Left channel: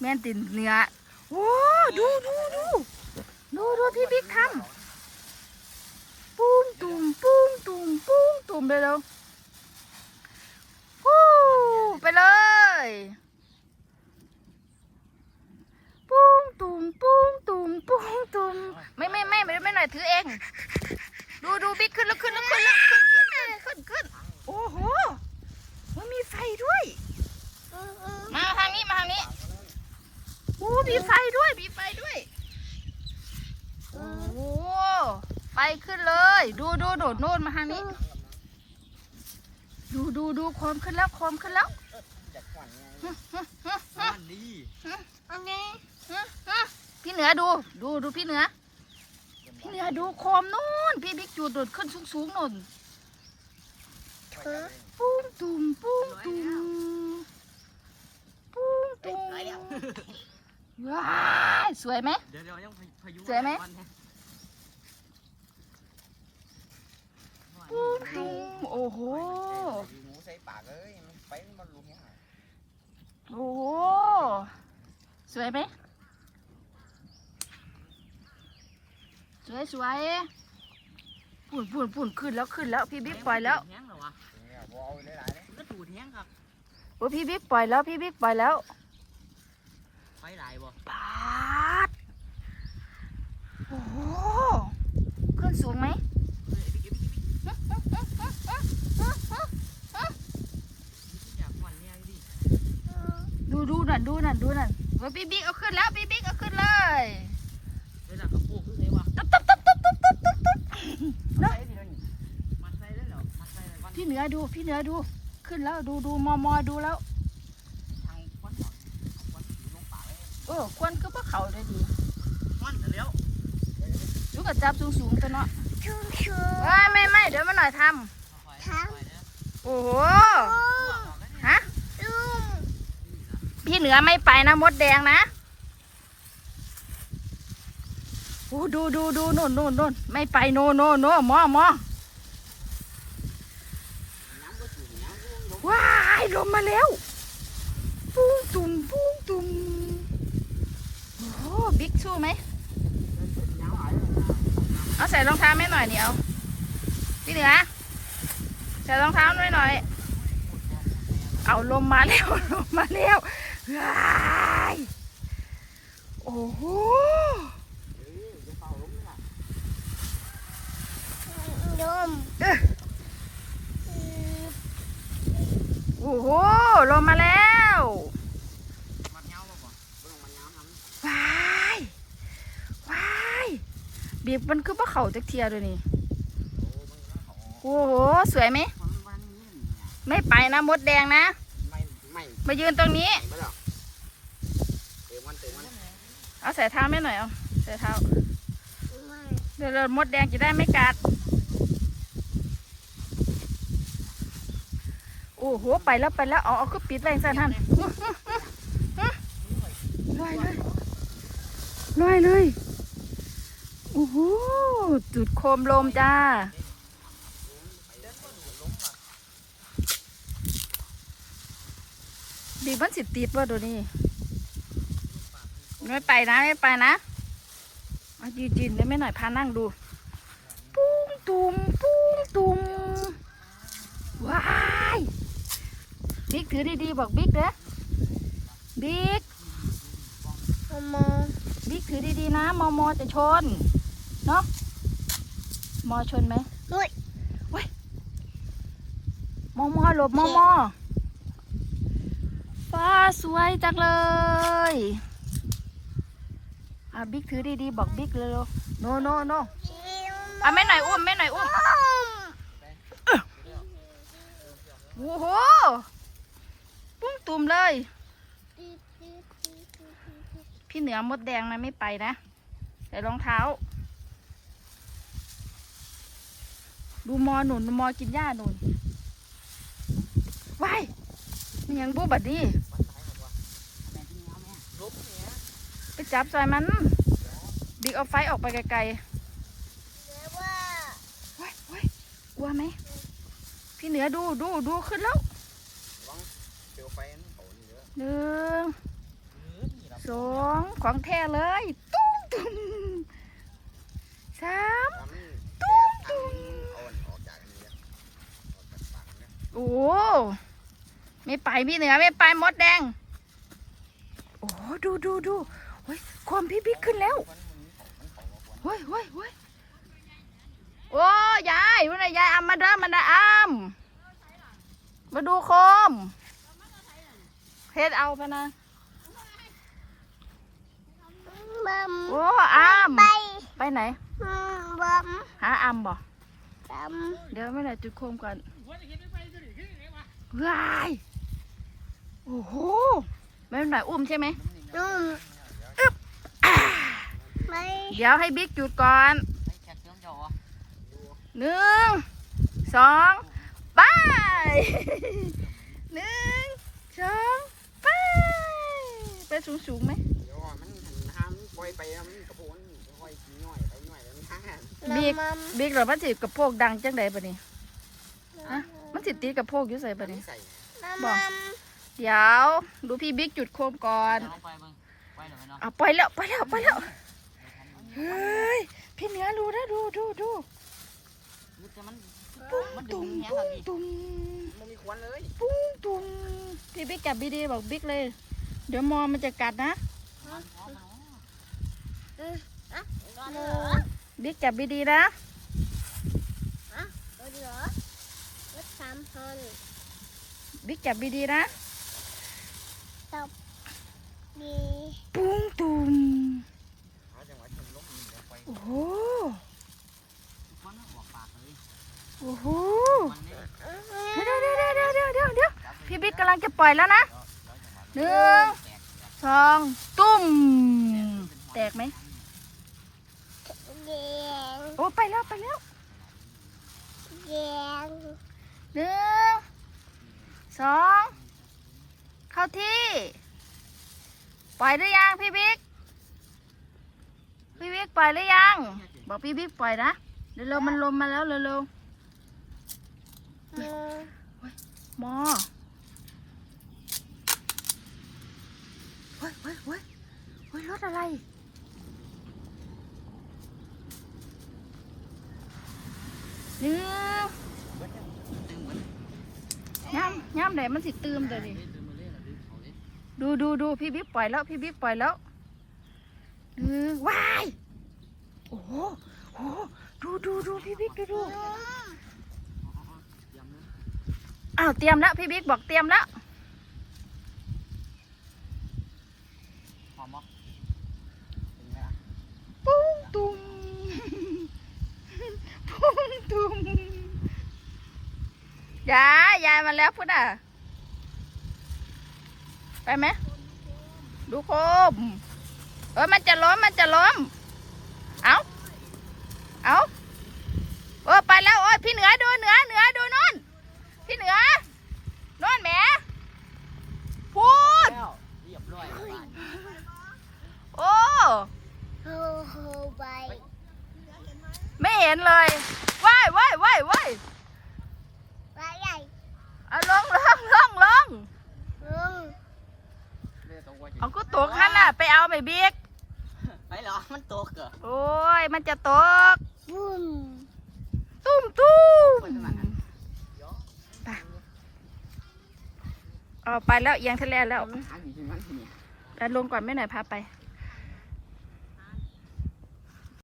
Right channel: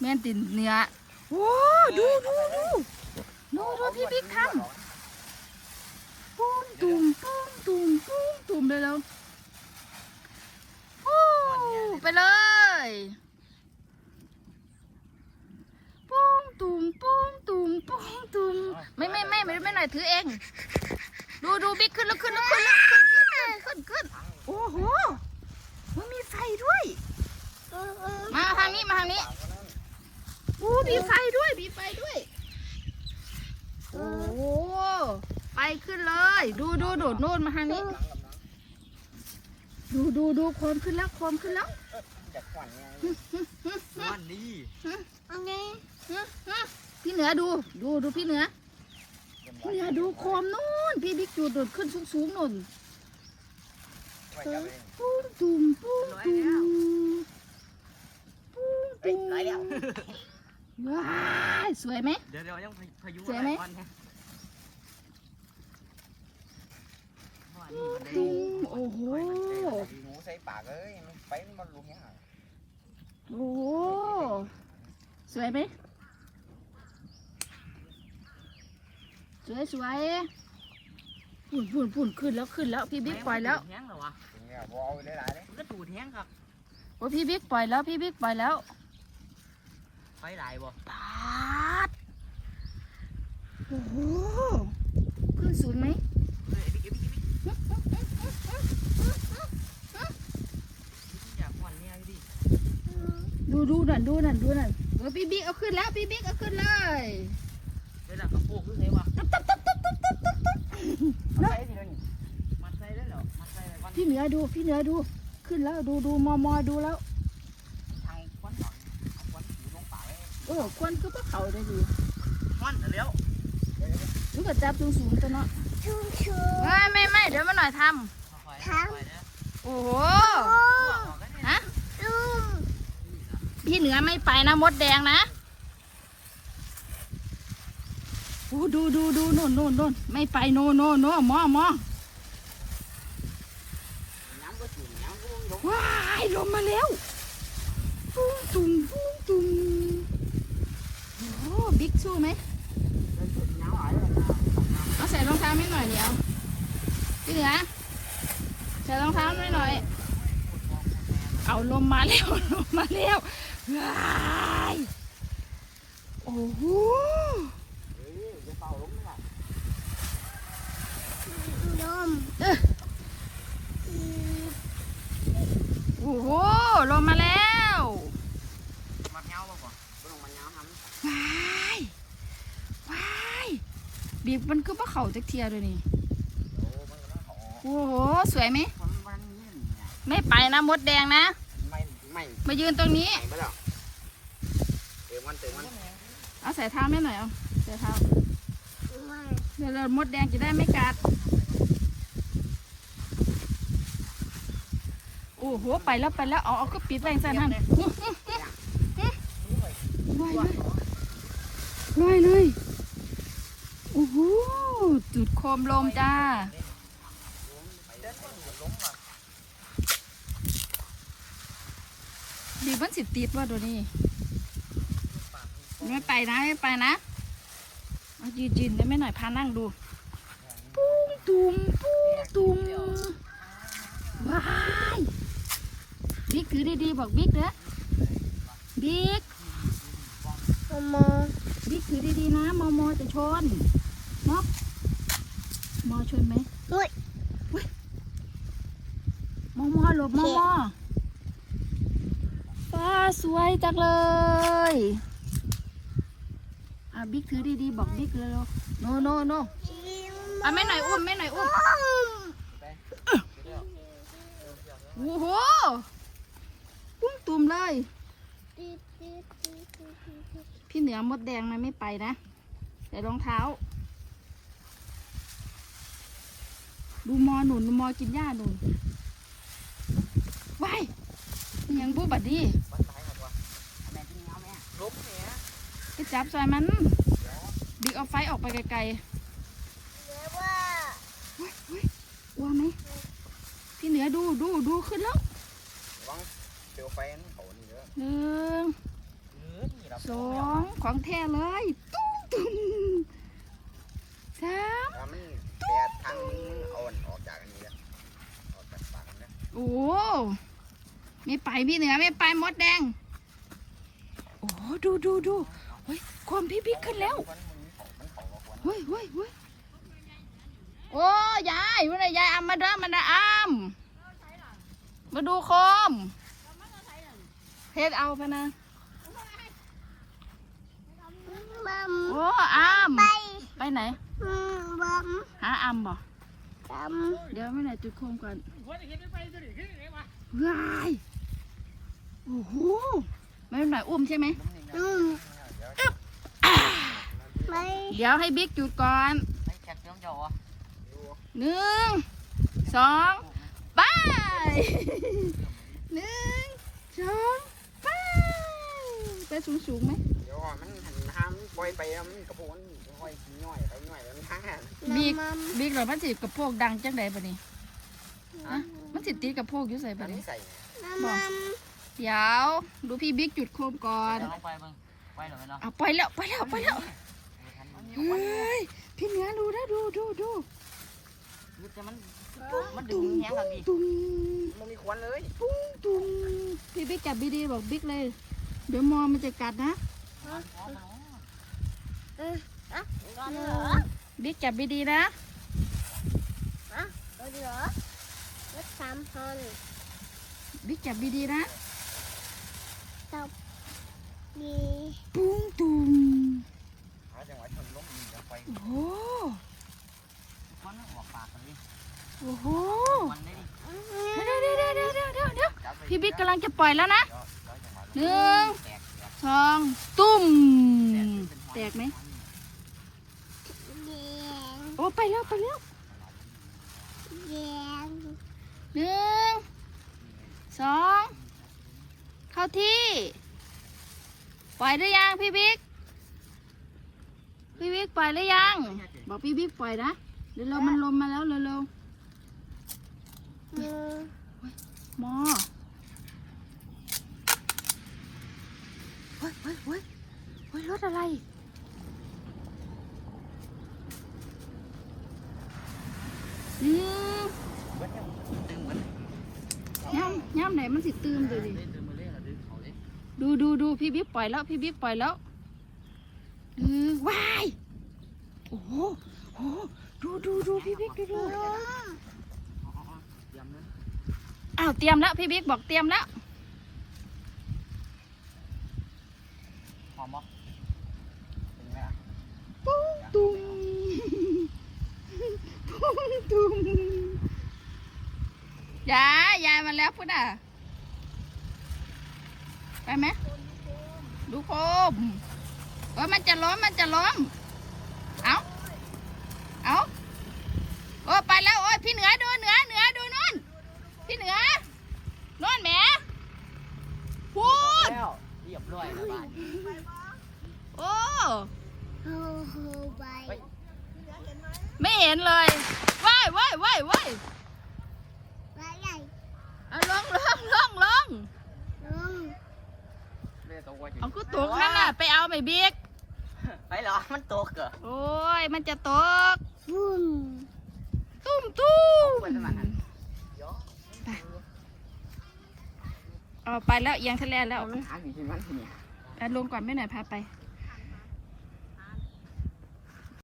แม่นตินเนื้อโว้ดูดูดูดูดูพี่บิ๊กทำปุ้งตุ่มปุ้งตุ่มปุ้งตุ่มเลยแล้วปู้ไปเลยปุ้งตุ่มปุ้งตุ่มปุ้งตุ่มไม่ไม่ไม่ไม่ไม่หน่อยถือเอง ดูดูบิ๊กขึ้นแล้วขึ้นแล้วขึ้นแล้วขึ้นขึ้นขึ้นโอ้โหมันมีไฟด้วย มาทางนี้มาทางนี้อู้ มีไฟด้วยมีไฟด้วย โอ้โหไฟขึ้นเลย ดูดูโดดโน่นมาทางนี้ ดูดูดูโคมขึ้นแล้วโคมขึ้นแล้วอยากขวัญไงฮึฮึฮึมันดีโอเคฮึฮึพี่เหนือดู ดูดูพี่เหนือ พี่เหนือดูโคมนู่น พี่บิ๊กจูดโดดขึ้นสูงสูงๆนู่นปุ้งตุ่มปุ้งตุ่มปุ้งตุ่ม ว้ายสวยไหม เดี๋ยวเดี๋ยวยังพายุสวยไหมปุ้งตุ่มโอ้โห หมูใส่ปากเอ้ยมันไปมันลุมยังไงโอ้โห สวยไหม สวยสวยปุ่นปุ่นปุ่นขึ้นแล้วขึ้นแล้วพี่บิ๊กปล่อยแล้วแห้งเหรอวะเนี่ยวอลหลายๆเลยมันก็ตูดแห้งครับโอ้พี่บิ๊กปล่อยแล้วพี่บิ๊กปล่อยแล้ว ไฟหลายบ่ปาดโอ้โหขึ้นสูงไหมเฮ้ยบิ๊กบิ๊กบิ๊กอยากขวัญเนี่ยดิดูดูนั่นดูนั่นดูนั่นเฮ้ยพี่บิ๊กเอาขึ้นแล้วพี่บิ๊กเอาขึ้นเลยเวลากระโปงคือไงวะตุ๊บตุ๊บตุ๊บตุ๊บตุ๊บตุ๊บตุ๊บตุ๊บมัดใส่ดินี่มัดใส่ได้เหรอมัดใส่อะไรวันพี่เหนือดูพี่เหนือดู ขึ้นแล้วดูดูมอมอดูแล้ว ทางควันหวังควันถูลงปากเลย เออควันก็พวกเขาได้ดีควันเร็วดูกับจับสูงสูงๆตัวเนาะไม่ไม่ไม่เดี๋ยวมาหน่อยททำำโอ้โหฮะฮะพี่เหนือไม่ไปนะมดแดงนะโอ้ดูดูดูนู่นนู่นนู่นไม่ไปโน่นโน่นโน่นมอมอน้ำก็สูงน้ำก็ลงว้ายลงมาแล้วปุ้งตุ่มปุ้งตุ่มโอ้โหบิ๊ก สู้ไหมน้ำหายเลยเอาใส่รองเท้าไม่หน่อยเดียวพี่เหนือใส่รองเท้าหน่อยหน่อย เอาลมมาแล้วลมมาแล้วว้ายโอ้โหเฮ้ยจะเป่าลงนี่แหละโอ้โหลมมาแล้ว มันเงาป่ะป่ะลงมันเงาทำ ว้ายว้าย บีบมันก็บ่เข่าจักเทียเลยนี่โอ้มันก็เขาโอ้โห สวยไหมมันมันนี่เนี่ยไม่ไปนะมดแดงนะ ไม่ไม่มายืนตรงนี้ ไม่หรอกเติมมันเติมมันเอาใส่เท้าแม่หน่อยเอาใส่เท้า เดี๋ยวเรามดแดงจะได้ไม่กัด โอ้โห ไปแล้วไปแล้วเอาเอาก็ปิดแรงสั่นทันลอยเลยลอยเลยโอ้โหจุดโคมลมจ้า ดีมันสิติดว่าตัวนี้ไม่ไปนะ ไม่ไปนะมายืนยืนได้ไหมหน่อยพานั่งดู ปุ้งตุมปุ้งตุมว้ายบิ๊กถือดีๆบอกบิ๊กเด้อบิ๊กบิ๊กถือดีๆนะมอมอจะชนเนาะมอชนไหมเฮ้ยเว้ยมอมอหลบมอมอฟ้าสวยจังเลยอะบิ๊กถือดีๆบอกบิ๊กเร็วๆโนโนโนอะไม่หน่อยอุ้มไม่หน่อยอุ้มโอ้โหปุ้งตุ่มเลย พี่เหนือมดแดงนะไม่ไปนะใส่รองเท้า ดูมอหนุนมอกินหญ้าหนุนว้ายมันยังบูบัดดีมันตายหมดวะแม่ที่เงาแม่ลบเนี่ยไปจับซอยมัน บิ๊กเอาไฟออกไปไกลๆเว้ยเว้ยกลัวไหม พี่เหนือดูดูดูขึ้นแล้ววังเตียวไฟนั่นเขานี่เยอะหนึ่งเออนี่เราสองของแท้เลย ตุ้มตุ้มสาม ถ้ามันแปดทางมึงมึงเอาอันออกจากอันนี้นะออกจากปากนะ โอ้ ไม่ไปพี่เหนือไม่ไปมดแดง โอ้ดูดูดูเฮ้ยความพี่บิ๊กขึ้นแล้วมันมันเขามันเขาว่าควรเฮ้ยเฮ้ยเฮ้ยโอ้ยายวันไหนยายอำมาเด้อมันนะอำมาดูโคมเพชรเอาไปนะบัมโอ้อำไปไปไหนบัมหาอำบ่บัมเดี๋ยวไม่ได้จุดโคมก่อนหัวจะเห็นไม่ไปตัวนี้ขึ้นไงวะว้าย โอ้โหไม่เป็นไรอุ้มใช่ไหมอืมไปเดี๋ยวให้บิ๊กจุดก่อนไอ้แขกเสียงเจ้าอะอยู่หนึ่งสองไปหนึ่งสองไปไปสูงสูงๆไหมเดี๋ยวมันหันห้ามปล่อยไปแล้วมันกระโปงมันค่อยๆย่อยไปย่อยแล้วมันห่างบิ๊กบัมบิ๊กเหรอมันสิกระโปงดังจังใดปะนี่อะมันสิตีกระโปงอยู่ใส่มัปะนนี่ใส่บัม เดี๋ยวดูพี่บิ๊กจุดโคมก่อนลงไปเบิ่งไปหน่อยเนาะเอาไปแล้วไปแล้วไปแล้วเฮ้ยพี่เหนือดูนะดูดูดูแต่มันมันดึงแห้งครับดิตุ้มมันมีควันเลยตุ้มตุ้มพี่บิ๊กจับดีๆบอกบิ๊กเลย เดี๋ยวมอมันจะกัดนะเหลือบิ๊กจับดีๆนะเหลือรถสามพันบิ๊กจับดีๆนะ มีปุ้งตุ้มหาจังหวะชนล้มนี่แล้วไปโอ้โหควันออกปากเลยโอ้โหควันเลยเดี๋ยวเดี๋ยวเดี๋ยวเดี๋ยวเดี๋ยวเดี๋ยวพี่บิ๊กกำลังจะปล่อยแล้วนะหนึ่งสองตุ้ม แตกไหมแดงโอ้ไปแล้วไปแล้วแดงหนึ่งสอง เข้าที่ ปล่อยหรือยังพี่บิ๊ก พี่บิ๊กปล่อยหรือยัง บอกพี่บิ๊กปล่อยนะเร็วๆมันลมมาแล้วเร็วมือๆหมอเฮ้ยเฮ้ยเฮ้ยเฮ้ยรถอะไรหนึ่งย่ำย่ำไหนมันสิตืมเลยดิ ดูดูดูพี่บิ๊กปล่อยแล้วพี่บิ๊กปล่อยแล้วเออว้ายโอ้โหโอ้โหดูดูดูพี่บิ๊กดูดูอ้าวเตรียมแล้วพี่บิ๊กบอกเตรียมแล้วหอมบ่เป็นไงอะปุ้งตุ้มปุ้งตุ้มยายยายมาแล้วพุ่นอะ ไปไหมดูโคมเออมันจะล้มมันจะล้มเอาเอาโอ้ไปแล้วโอ้ยพี่เหนือดูเหนือเหนือดูนู่นพี่เหนือนู่นแหมพูดแล้วเรียบร้อยแล้วบ้านโอ้โฮโฮไปไม่เห็นเลยว้ายว้ายว้ายว้าย ไปใหญ่ เอาลงลงลงลง ลุง เรียกตัวว่าจะเอาก็ตกขันน่ะไปเอาไปบิ๊กไปเหรอ มันตกเหรอโอ้ยมันจะตกบุ้มตุ้มตุ้มเปิดสมัครอันเดี๋ยวเอาไปแล้วเอียงทะเลแล้วเอาลงหาอยู่ที่มันที่เนี่ยแต่ลงก่อนไม่หน่อยพาไปเ